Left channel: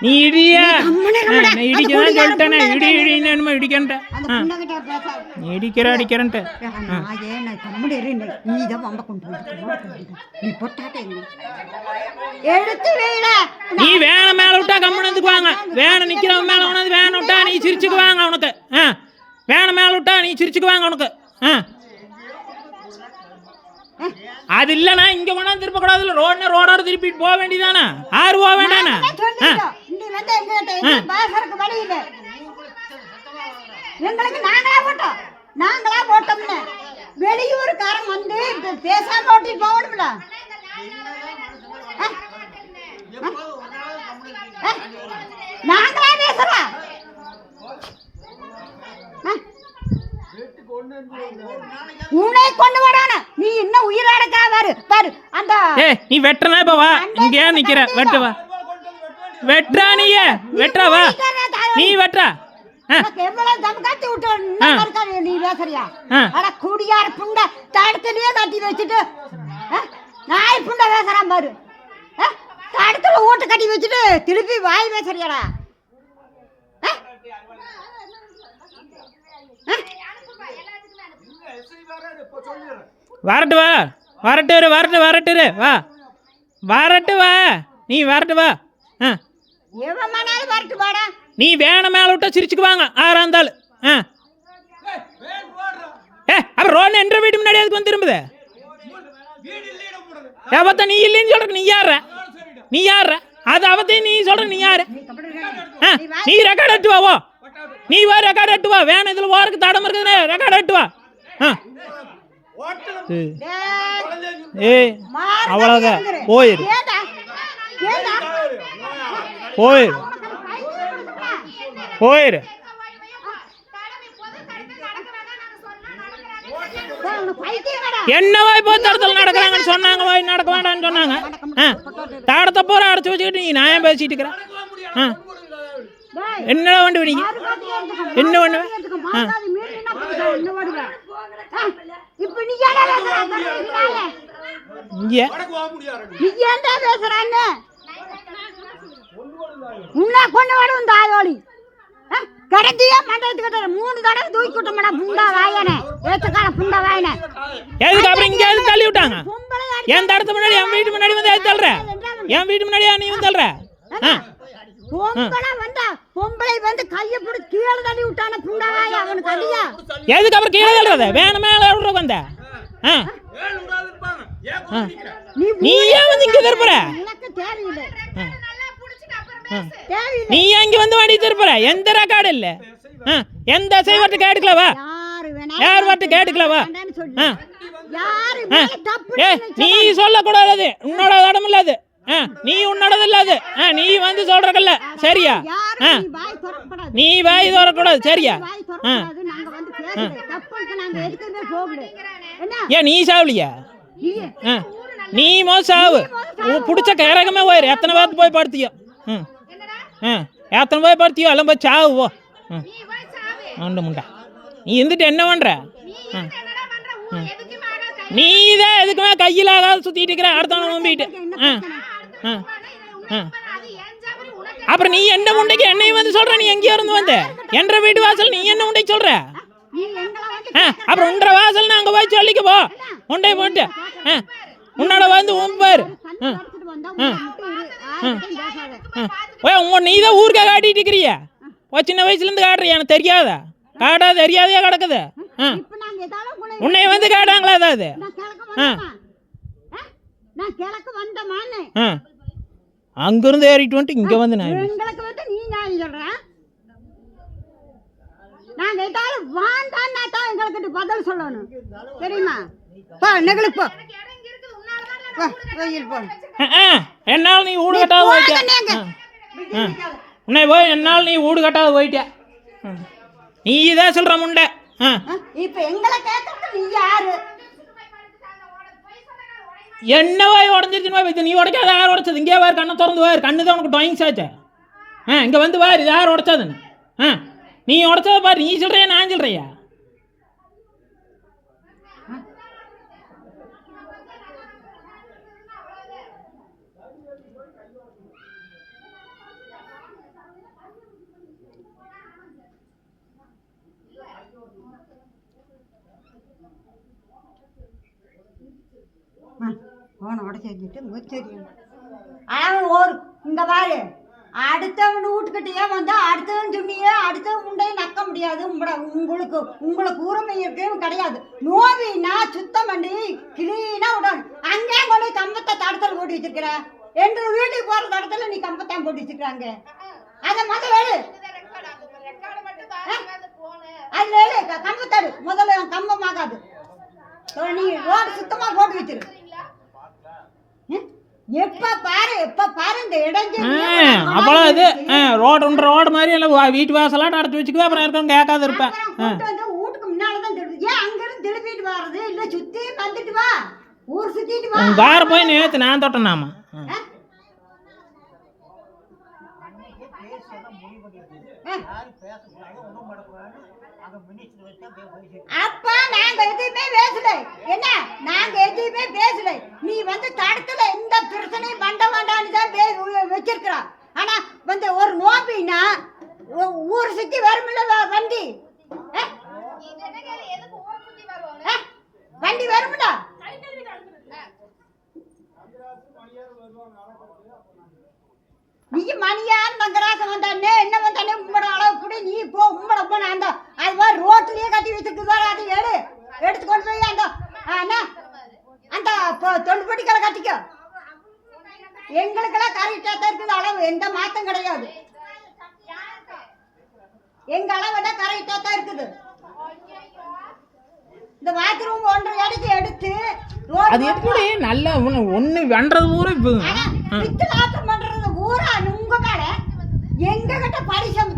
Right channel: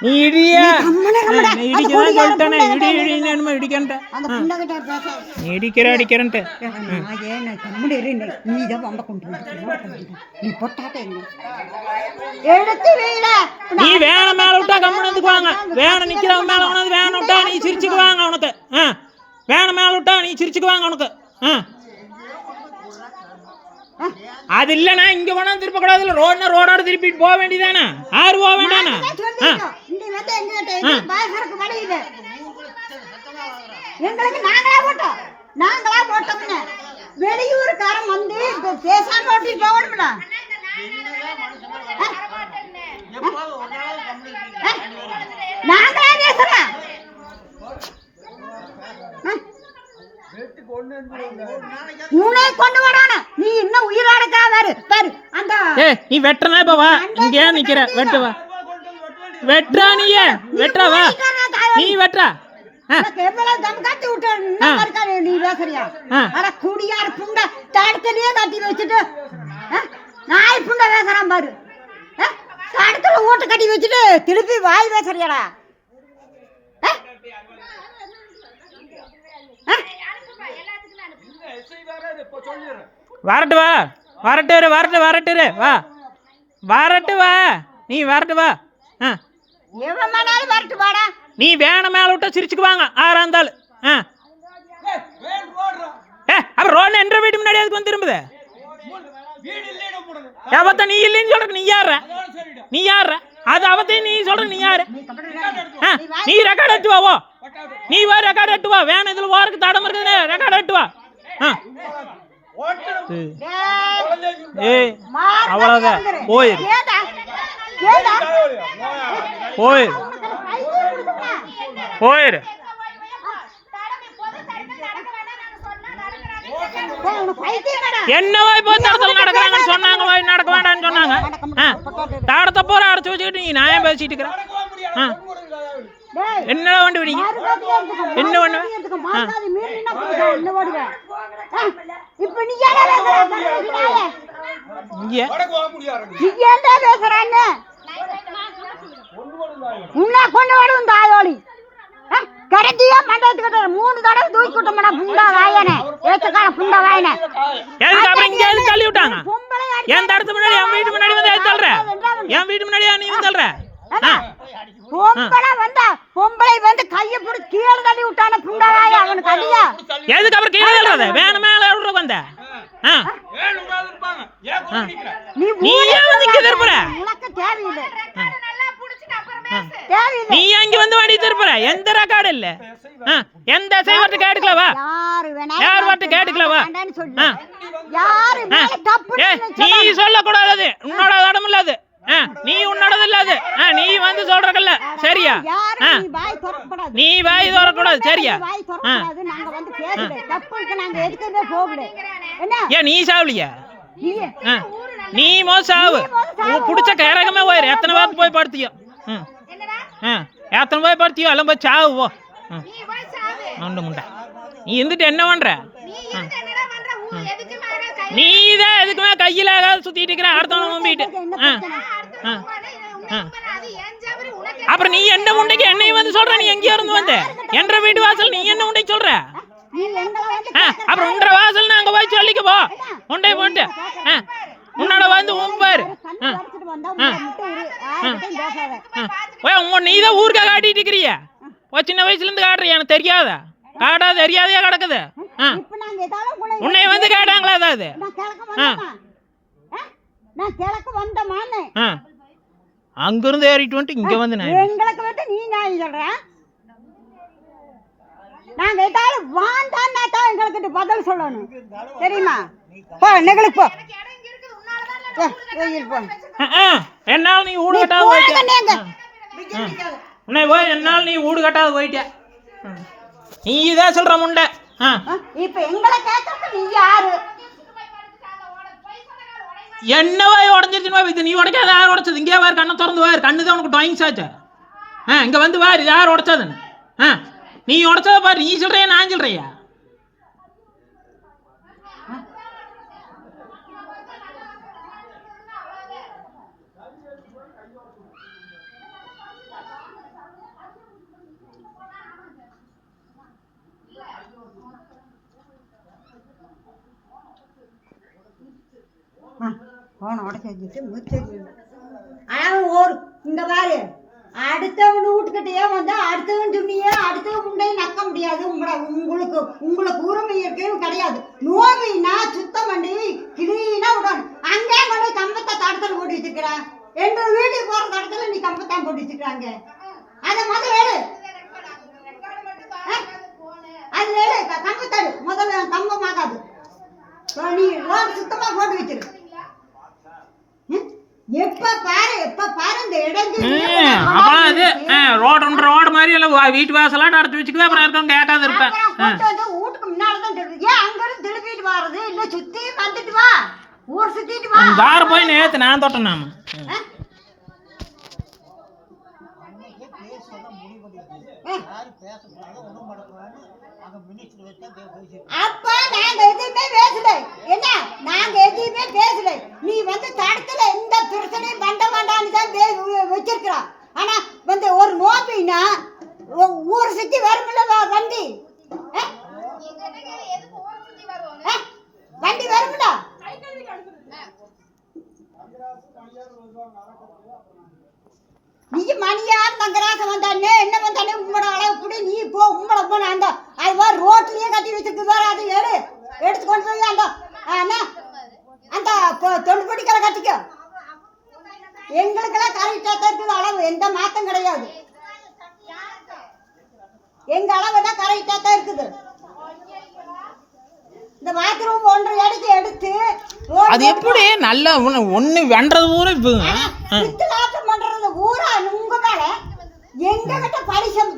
நீ இடிய இடிக்கதான் சொல்லிட்டானே இடி இடின்னு இடிக்கன்ட்ட நீ இடிக்கிற அடிக்கிறன்ட்டு நீ வேன மேல விட்டா கம்முனதுக்கு வாங்க வேன நிக்கிறவன் மேல உனது வேன விட்டா நீ சிரிச்சுக்கு வாங்க அவனுக்கு வேன மேல விட்டா நீ சிரிச்சுக்கு வாங்க அவனுக்கு அது இல்லைண்ணா இங்க வேணா திருப்ப கூடாதுல்ல ரோடோட திருப்பிட்டு போக வேண்டியதானே ஆறு போக வேண்டானே நாங்களா போட்டோம்னு வெளியூருக்காரன் வந்து பேசாம ஓட்டிட்டு போகணும்ல நாங்களா பேசுறோம் உன்னை கொண்டு வரானே நீ இன்னும் உயிராடக்கா பாரு பாரு அந்த நீ வெட்டனா இப்ப வா இங்கே நிக்கிற வெட்டு வா வெட்றா நீயே வெட்றா வா நீ வெட்றா நீ பேசுறியா அட குடியார் புண்டை தடுக்கலையே கட்டி வச்சுட்டு நாய் புண்டை பேசுறான் பாரு தடுக்கல ஓட்டு கட்டி வச்சுட்டு திருப்பி வாய் பேசுறியாடா வரட்டு வா வரட்டு வா வரட்டு வா நீ வரட்டு வா எவனாலும் வரட்டு வாடா நீ வேன மேல விட்டா சிரிச்சுக்கு வாங்க ஆறா இருந்தாலும் அப்புறம் ரோடு என்ற வீட்டு முன்னாடி அதுக்கு வந்து திரும்புது அவத்த நீ இல்லைன்னு சொல்ற நீ யார அது அவத்தையும் நீ சொல்ற நீ யாரு நீ ரெக்கார்ட் எட்டு வா நீ வா ரெக்கார்ட் எட்டு வா வேன இதுல ஓருக்கு தடம் இருக்குது ரெக்கார்ட் எட்டு வா அவ்வளவுதான் போயிரு என்னவா இப்போ தடத்தில் நடக்கிறாங்கன்னு சொன்னாங்க வாய் நடக்க வேண்டாம்னு சொன்னாங்க தடத்தை பூரா அடைச்சு வச்சுக்கிட்டு நீ நியாயம் பேசிட்டு இருக்கிற என்ன வண்டி விடிங்க என்ன பண்ணுவேன் கடைசியா மண்டபத்துக்கிட்ட 3 தடவை தூக்கி விட்டோம்டா புண்டா வாயனே ஏத்துக்கார புண்டா வாயனே எதுக்கு அப்புறம் இங்க எது தள்ளி விட்டாங்க என் தடத்து முன்னாடி என் வீட்டு முன்னாடி வந்து எது தள்ளுற என் வீட்டு முன்னாடி நீ வந்து தள்ளுற பொம்பளை வந்து கையை பிடிச்சி கீழே தள்ளி விட்டான புண்டா வாய அவனுக்கு அடியா எதுக்கு அப்புறம் கீழே தள்ளுறத வேண மேல விடுற வந்த நீ ஏன் வந்து இங்க திருப்புற உனக்கு தேவையில்லை நீ அங்க வந்து வாடி திருப்புற எந்த ரெக்கார்டு இல்ல எந்த செய்வட்டு கேட்டுக்கலவா யார் வாட்டு கேட்டுக்கலவா நீ சொல்ல கூடாது உன்னோட இடம் இல்ல அது நீ உன்னோடது இல்ல அது நீ வந்து சொல்றக்கல்ல சரியா நீ வாய் தோறக்கூடாது சரியா ஏன் நீ சாவலியா நீ சாவு புடிச்ச கரகமே போயிரு எத்தனை வாரத்து போய் படுத்தியோ எத்தனை போய் படுத்தியோ எல்லாம் போய் சாவு போ உண்டு முண்டா நீ இருந்துட்டு என்ன பண்ற நீ தான் எதுக்குமே கையில ஏதாவது சுத்திட்டு இருக்கிற அடுத்தவன நம்பிட்டு அப்புறம் நீ என்ன முண்டைக்கு என்னையும் வந்து சொல்ற நீ எங்கேயோ இருந்து வந்த என்ற வீட்டு வாசல் நீ என்ன முண்டைக்கு சொல்ற அப்புறம் உன்ற வாசல் நாங்க போய் சொல்லிக்க போ உண்டை போட்டு உன்னோட வந்து உம்பாரு நீ தான் ஊருக்கா காட்டிட்டு இருக்கிறிய சின்ன வயசுல இருந்து காட்டுறிய எனக்கு தெரியாதா காடா தெரியாதையா கிடக்குது உன்னைய வந்து கேட்டாங்களா ஏதாவது அங்கிருந்து ஏறிட்டு வந்துட்டு இங்க வந்து எங்களுக்கு வந்து நீ நியாயம் சொல்ற நான் கேட்டாலும் வாண்டான்னா தான் எங்களுக்கு பதில் சொல்லணும் தெரியுமா போ நெகளுக்கு போ என்னால நீ ஊடு கட்டாது போயிட்ட உன்னை போய் என்னால் நீ ஊடு கட்டாது போயிட்ட நீ இதான் சொல்ற முண்டை இப்ப எங்களை கேட்கறது நீ யாரு என்னவா உடஞ்சிருச்சுன்னு இது நீ உடைக்காத யார் உடைச்சது இங்கே வாரு கண்ணை திறந்து வாரு கண்ணு தான் உனக்கு டாயிங்ஸ் ஆச்சு இங்கே வந்து வாரு இது யார் உடைச்சதுன்னு நீ உடைச்சதை பாரு நீ சொல்றியா நான் சொல்றியா உடச்சிட்டு முச்சரி அவன் ஒரு இங்க பாரு அடுத்தவன் வீட்டுக்கிட்டே வந்து அடுத்தவன் துணியே அடுத்தவன் முண்டையும் நக்க முடியாது. உங்களுக்கு உரிமை இருக்குன்னு கிடையாது. நோவினா சுத்தம் பண்ணி கிளீனா விடணும். அங்கே கொண்டு கம்பத்தை தடத்தில் போட்டு வச்சிருக்கிற எங்க வீட்டுக்கு போற தடத்துல நீ கம்பத்தான் போட்டு வச்சிருக்காங்க. அதை முதல்ல எடு அதுல எடு கம்பத்தடு முதல்ல கம்பமாகாது. நீ ரோடு சுத்தமா போட்டு வச்சிரு. எப்ப பாரு இந்த அப்புறம் இது ரோடு மாதிரி எல்லாம் வீட்டு வாசலாம் நடத்தி வச்சுக்குவேன். அப்புறம் இருக்கவங்க கேட்காத இருப்பேன். வீட்டுக்கு முன்னாலதான் தெரியுது. ஏன் அங்க இருந்து திருப்பிட்டு வர்றது இல்ல சுத்தி வந்துட்டு வா ஊர் சுத்திட்டு வா. தார போய் நேத்து நான் தொட்டேன் நாம அப்பா நாங்க எதுவுமே பேசல. என்ன நாங்க எதுவுமே பேசல. நீ வந்து தடத்துல எந்த பிரச்சனையும் பண்ண வேண்டான்னு தான் வச்சிருக்கிறா. ஆனா வந்து ஒரு நோம்பினா ஊர் சுத்தி வரும்ல வண்டி வண்டி வரும்ல. நீ மணியார் மங்கராசம் வந்தானே என்ன வந்தானே உங்களோட அளவு கூட நீ போ உங்களோட போன அந்த அது மாதிரி ரோட்லயே கட்டி வச்சிருக்கு பாரு. அதை எடுத்துக்கொண்டு போய் அந்த அந்த தொண்டுபடிக்கலை கட்டிக்க. எங்களுக்கெல்லாம் கரெக்டா தான் இருக்குது அளவு. எந்த மாற்றம் கிடையாது. எங்க அளவு எல்லாம் கரெக்டா தான் இருக்குது. இந்த பாத்ரூம் 1.5 அடிக்கு எடுத்து அது எப்படி நல்ல ஒண்ணு வென்றது பூரா இப்போ பண்றது பூரா உங்க மேல எங்க கிட்ட பரிசு